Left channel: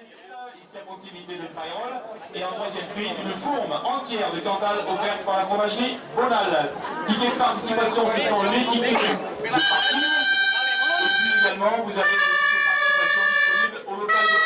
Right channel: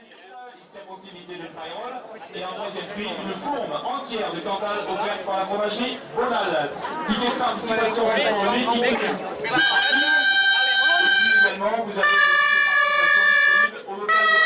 Ici à proximité de Tyrol. Et en troisième prix, une fourme entière de Cantal offerte par la fromagerie Bonal. Tickets de participation, ce sont les tickets de partie. Et puis également, vous avez des tickets de participation disponibles au local de